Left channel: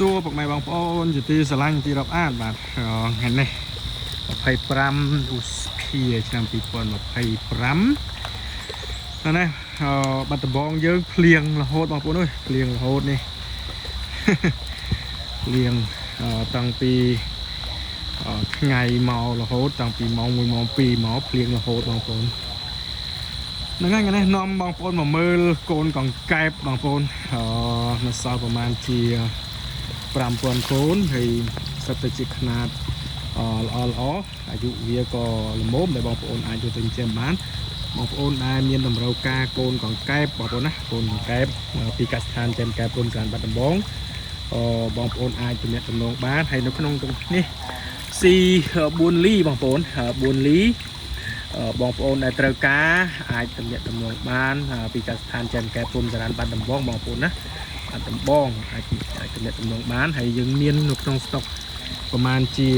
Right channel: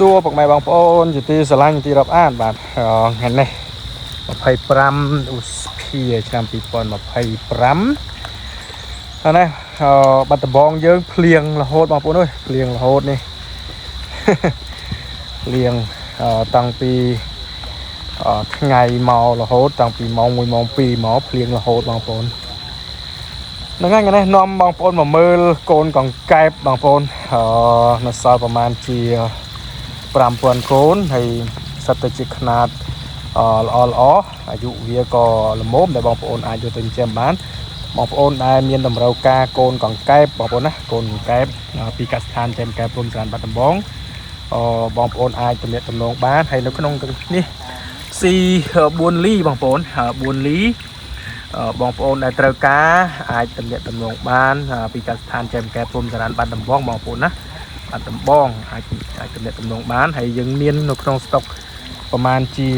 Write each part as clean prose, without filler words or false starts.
សួរពុកម៉ែបងប្អូនជាទីស្រឡាញ់ទីរាប់អានបាទថ្ងៃនេះ25ឧសភាឆ្នាំ2025ហើយនេះបាត់ដំបងយើងភ្លៀងរហូតបងប្អូនអើយភ្លៀងរហូតនេះភ្លៀងតាំងពីថ្ងៃមករហូតតាំងពីម៉ោង1ម៉ោង2មកភ្លៀងរហូតបងប្អូនហ្នឹងហើយថ្ងៃនេះនាំបងប្អូនមកមើលកូនកង្កែបបងប្អូននៅសល់ប្រហែលជា5000កូនហើយសិតទៅជាຂະຫນាតល្អអាយុវាក៏ល្មមដែលបងប្អូនអាចយកទៅចិញ្ចឹមបានបងប្អូនដែលមានតម្រូវការកូនកង្កែបបងប្អូនណាកូនកង្កែបពីកសិដ្ឋានចិញ្ចឹមកែបព្រំស្រែបាត់ដំបងបងប្អូនអាចទំនាក់ទំនងបានហើយនៅក្នុងនេះស៊ី4លីបងប្អូន4លីបងប្អូនដែលត្រូវការអាចទំនាក់ទំនងបានពីកសិដ្ឋានចិញ្ចឹមកែបព្រំស្រែបាត់ដំបងបងប្អូនណាបាត់ដំបងអាចទំនាក់ទំនងបានហើយយើងមាននៅក្នុងស្តុកប្រហែលជា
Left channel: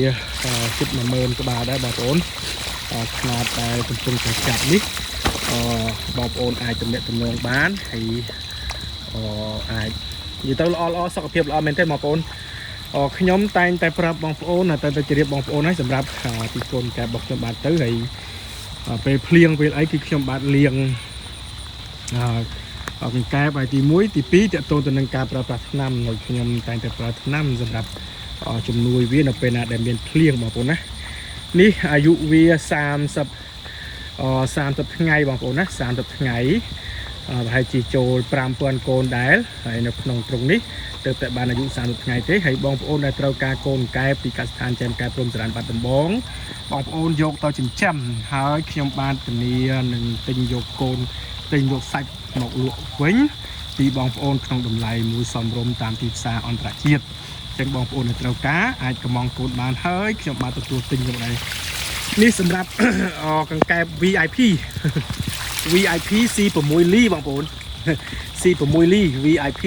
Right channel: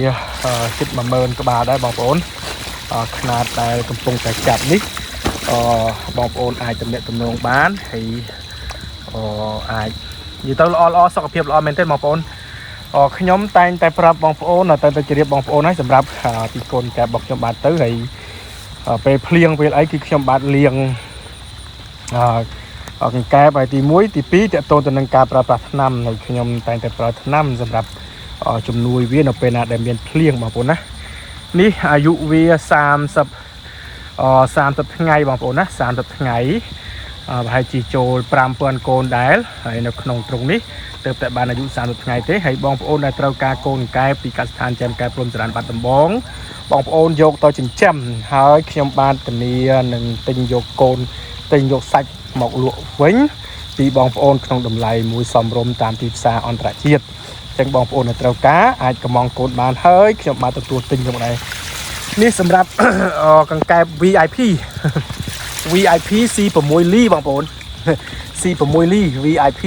ជិត10000ក្បាលដែរបងប្អូនຂະຫນាតដែលកំពុងតែចាប់នេះបងប្អូនអាចទំនាក់ទំនងបានហើយអាចនិយាយទៅល្អសុខភាពល្អមែនទេបងប្អូនខ្ញុំតែងតែប្រាប់បងប្អូនតែទៅជម្រាបបងប្អូនហើយសម្រាប់ពីកូនកែបរបស់ខ្ញុំបានទៅហើយពេលភ្លៀងពេលអីគឺខ្ញុំបាទលាងកង្កែបហើយទី1ទី2តកតទៅនឹងការប្រើប្រាស់ថ្នាំហើយខ្ញុំតែងតែប្រើថ្នាំសម្រាប់ជំនួយវានៅពេលណាដែលមានភ្លៀងបងប្អូនណានេះអាយុវា30ថ្ងៃបងប្អូនណា30ថ្ងៃប្រហែលជាចូល5000កូនដែរហើយនៅក្នុងទ្រុងនេះទើបតែបានអាយុ30ថ្ងៃទេហើយបងប្អូនដែលត្រូវការកូនកែបពីកសិដ្ឋានចិញ្ចឹមកែបព្រំស្រែបាត់ដំបងបងប្អូនយកទៅចិញ្ចឹមហើយខ្ញុំបានធានានឹងទិញយកកូនទិញយកសាច់មកលក់វិញពីបងប្អូនក្នុងតម្លៃមួយសមរម្យតាមទីផ្សារអន្តរជាតិចឹងបងប្អូនដែលត្រូវការអាចកម្មង់កូនបានហើយខ្ញុំបានទទួលទិញខ្ញុំដែរនេះសម្រាប់កង្កែប VIP VIP C6 លីបងប្អូន C6 លី VIP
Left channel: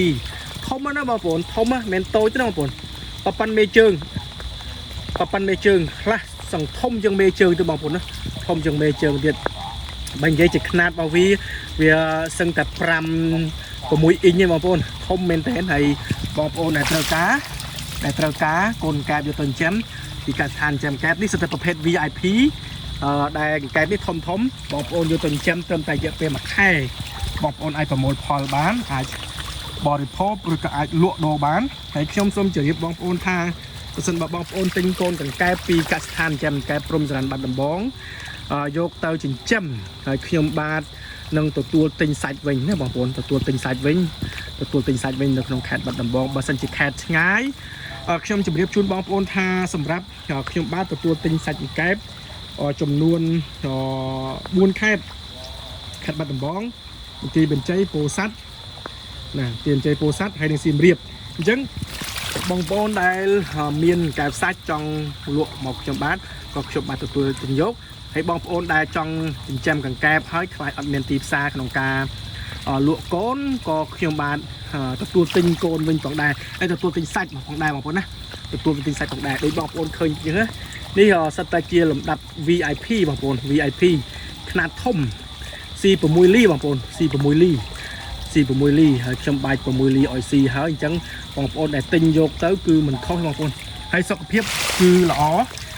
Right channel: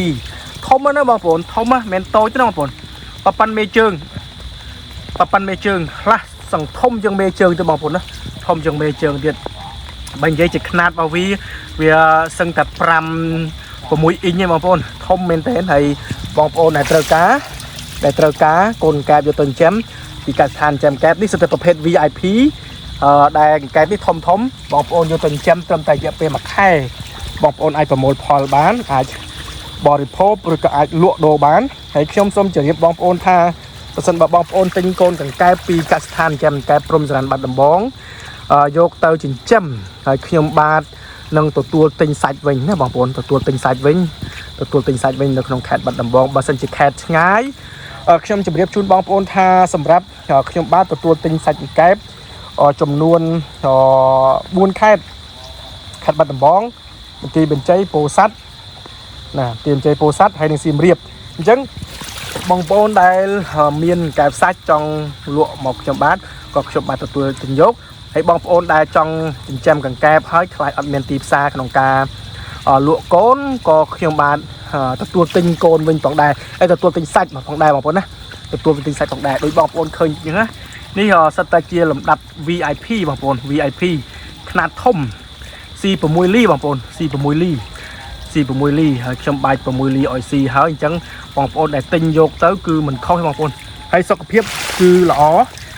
ធំណាស់បងប្អូនធំណាស់មិនតូចទេបងប្អូនប៉ាន់មេជើងខ្លះសង្ធំជាងមេជើងទៅបងប្អូនណាធំជាងមេជើងទៀតបើនិយាយជាຂະຫນាតរបស់វាសឹងតែ5 6អ៊ីងទេបងប្អូនធំមែនទែនហើយបងប្អូនដែលត្រូវការកូនកែបយកទៅចិញ្ចឹមពីកសិដ្ឋានចិញ្ចឹមកែបនេះសិតតែប្រភេទ VIP ដែលកែបនេះធំបងប្អូនយកទៅចិញ្ចឹមត្រឹមតែរយៈពេល1ខែបងប្អូនអាចប្រមូលផលបានអាចបរិភោគឬក៏អាចលក់ដូរបានហើយខ្ញុំសូមជម្រាបបងប្អូនថាប្រសិនបើបងប្អូនទិញកូនកង្កែបពីកសិដ្ឋានចិញ្ចឹមកែបព្រំស្រែបាត់ដំបងយកទៅចិញ្ចឹមហើយខ្ញុំបាទនឹងទទួលទិញសាច់វិញណាបងប្អូនទទួលទិញសាច់វិញនៅក្នុងខេត្តបាត់ដំបងបើសិនជាខេត្តឆ្ងាយខ្ញុំជម្រាបជូនបងប្អូនថាសម្រាប់ខ្ញុំបាទទទួលទិញសាច់កង្កែបចំនួន4ខេត្តបាត់ដំបងបន្ទាយបញ្ជ័យពោធិ៍សាត់ណាបន្ទាយបញ្ជ័យពោធិ៍សាត់ហើយនិងសៀមរាបអញ្ចឹងបងប្អូនដែលមានកែបសាច់ចង់លក់មកខ្ញុំបាទក៏ខ្ញុំបាទទទួលទិញយកហើយបងប្អូនដែលចង់ចិញ្ចឹមកង្កែបហើយខ្លាចអត់មានទីផ្សារក្នុងការលក់កូនក៏ខ្ញុំបាទទទួលទិញកូនវិញផងដែរហើយទទួលទិញសាច់ផងដែរបងប្អូនណាទទួលទិញសាច់ផងដែរដោយបងប្អូនឃើញអញ្ចឹងណានេះសិតតែជាលំដាប់ VIP បងប្អូន VIP ຂະຫນាតធំ C6 លីបងប្អូន C6 លីហើយខ្ញុំបាច់6លីឲ្យ C ហើយអញ្ចឹងបងប្អូនដែលទិញយកទៅគឺមិនខុសទេបងប្អូនហើយសុខភាពគឺល្អ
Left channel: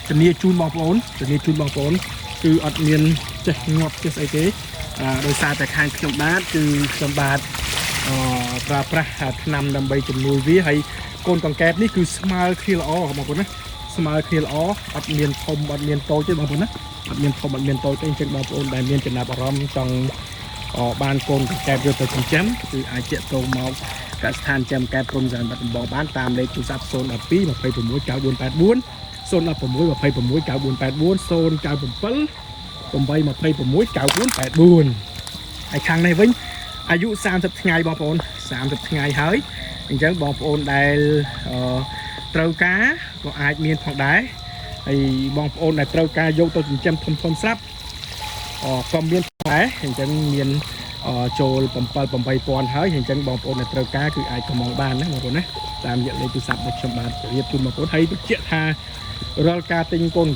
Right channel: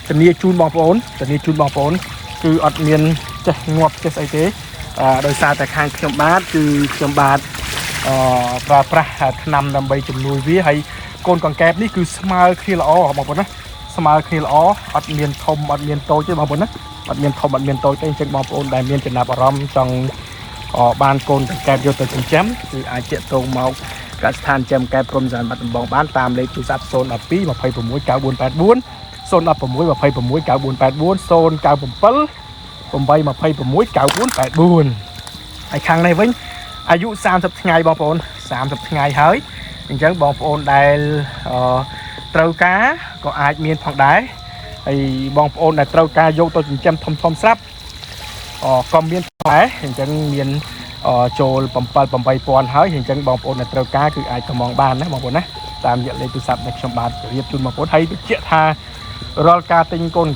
ធានាជូនបងប្អូនគឺអត់មានចេះងាប់ចេះស្អីទេដោយសារតែខាងខ្ញុំបាទគឺខ្ញុំបាទប្រើប្រាស់ថ្នាំដើម្បីជំនួយវាហើយកូនកង្កែបនេះគឺស្មើគ្នាល្អបងប្អូនណាស្មើគ្នាល្អអត់មានធំអត់មានតូចទេបងប្អូនណាអត់មានធំអត់មានតូចទេអញ្ចឹងបងប្អូនដែលមានចំណាប់អារម្មណ៍ចង់បានកូនកង្កែបយកទៅចិញ្ចឹមគឺអាចតាក់ទងមកកសិដ្ឋានចិញ្ចឹមកែបព្រំស្រែបាត់ដំបងបានតាមលេខទូរស័ព្ទ012 26 9484 016 26 9484 097 826 9484ហើយខាងនេះវិញអាយុ30ថ្ងៃបងប្អូន30ថ្ងៃហើយអញ្ចឹងបងប្អូនដែលត្រូវការក៏អាចមានផងដែរហើយបងប្អូនដែលត្រូវការយកទៅចិញ្ចឹមធំស្រាប់ក៏មានដែរអញ្ចឹងមានចូល7-8000ហើយអញ្ចឹងបងប្អូនដែលត្រូវការគឺអាចកម្មង់បានណាបងប្អូនណាតាមរយៈលេខទូរស័ព្ទដែលខ្ញុំបាទរៀបជូនបងប្អូនហើយបញ្ជាក់ថារាល់ការទិញកូន